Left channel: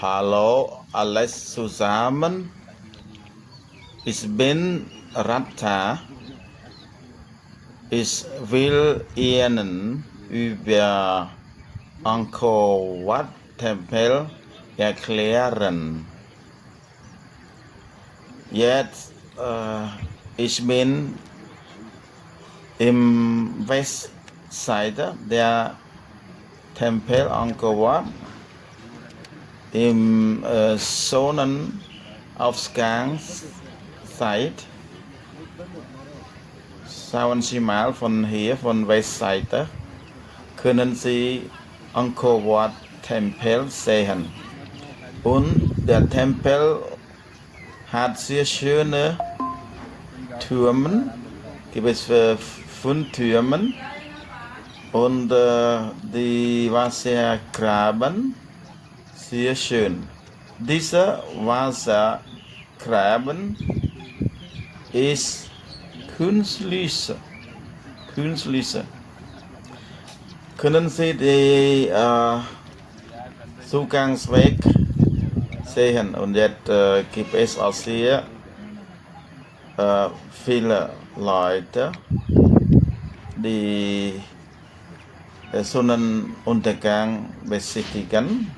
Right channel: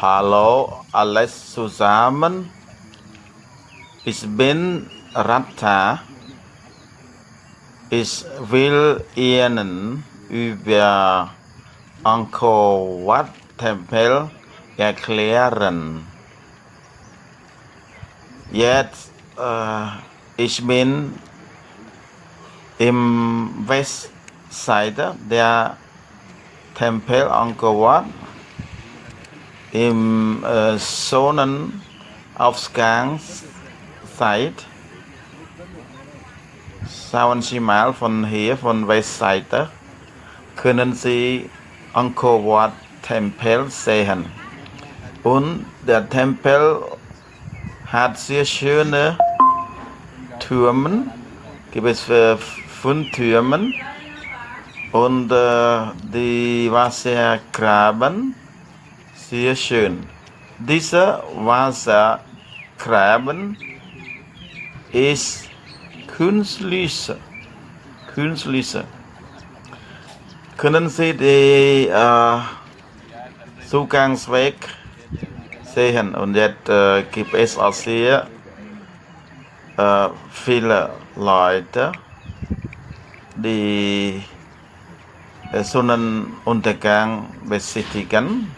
Hallo alles zusammen. Ich bin Ratta. Ich will Ihnen über Angkor Wat Tempel erklären. Jetzt, ich bin im Westseite der Tempel Angkor Wat im Sonnenaufgangszeit. Schauen Sie mal von hier, von Westseite, können Sie Angkor Wat Tempel sehen. Und der Tempel hat sehr schöne Türme, gibt es 5 Türme und die Wassergraben, sehr schön. Dieser Wassergraben ist künstlich. Können Sie den Zugangsweg sehen? Und jetzt gibt es auch sehr viele Leute, die Sonnenuntergang besichtigen.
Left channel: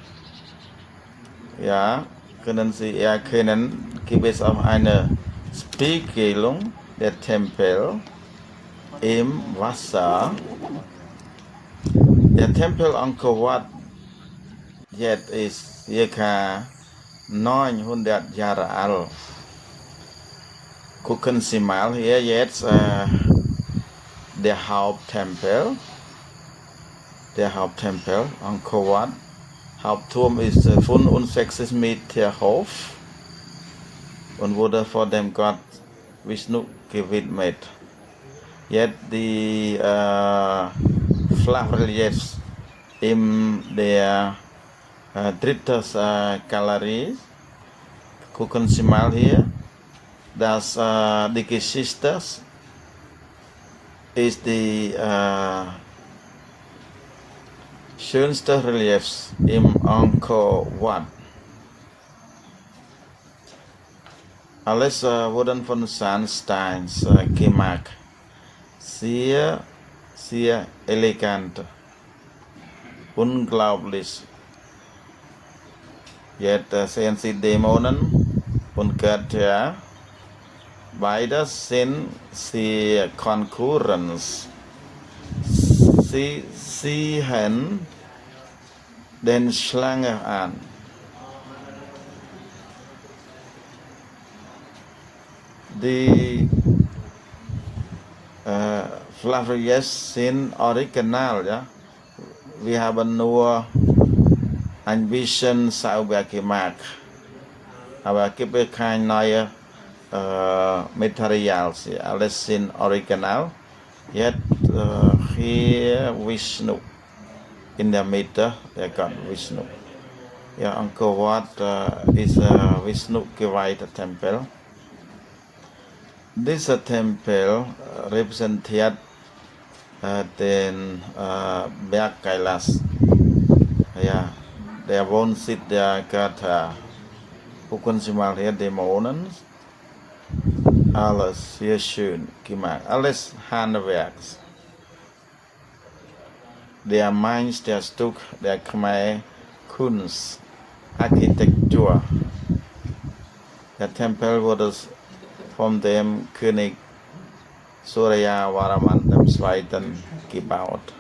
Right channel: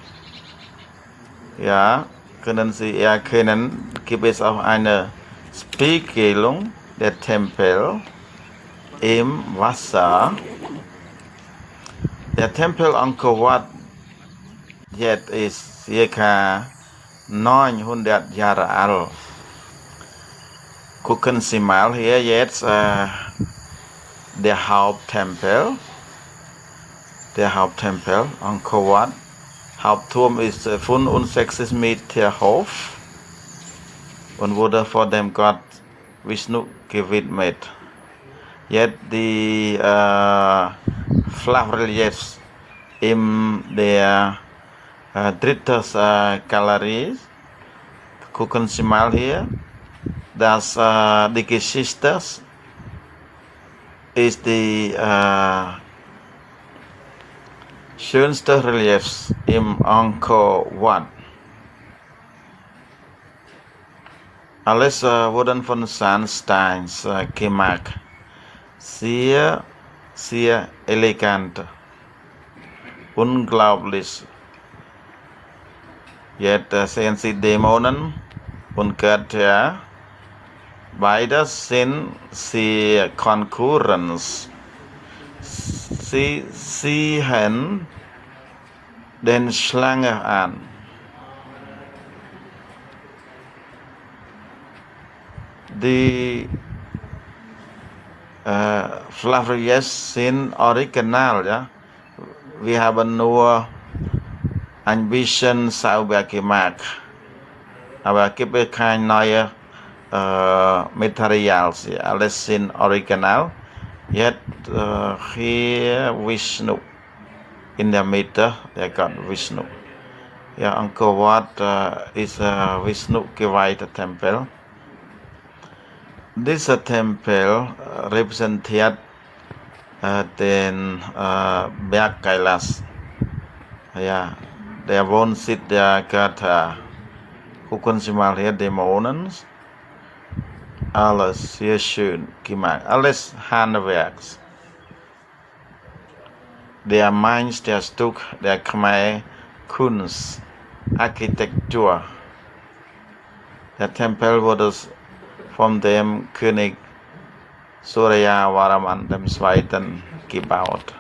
Ja, können Sie erkennen, gibt es auch eine Spiegelung der Tempel im Wasser. Der Tempel Angkor Wat jetzt ist ca. 900 Jahre alt. Gucken Sie mal hier jetzt der Haupttempel. Der Haupttempel Angkor Wat. Hauptturm ist 65 Meter hoch und wurde vor dem Gott Vishnu gewidmet. Jetzt die Flachreliefs in der dritten Galerie. Gucken Sie mal hier. Das die Geschichte ist die schönste Reliefs im Angkor Wat. Alles wurden von Sandsteins gemacht. Sehr elegant. Unglaublich. Jetzt sehen Sie Dämonen und Götter. Beide sind sehr Konkurrenz. Sie sehen den Schlange an. Die Flavriers sind original, ja. Wir haben nur ein bisschen sauber gemacht. Aber es gibt kein neues Material. Alles sind original. Jetzt hier Vishnu in der Mitte, der Gott Vishnu. Ja, Angkor Wat ist Vishnu geweihter Tempel. Dieser Tempel repräsentiert den Berg Kailas. Ja, der Wohnsitz der Götter. Gucken Sie mal hier, Dämonen. Alles sehr schön gemacht. Alles Handwerks. Der Meisterstück der Khmer Kunst, Architektur. Der Tempel wurde von dem König Surya Varman II. Gebaut.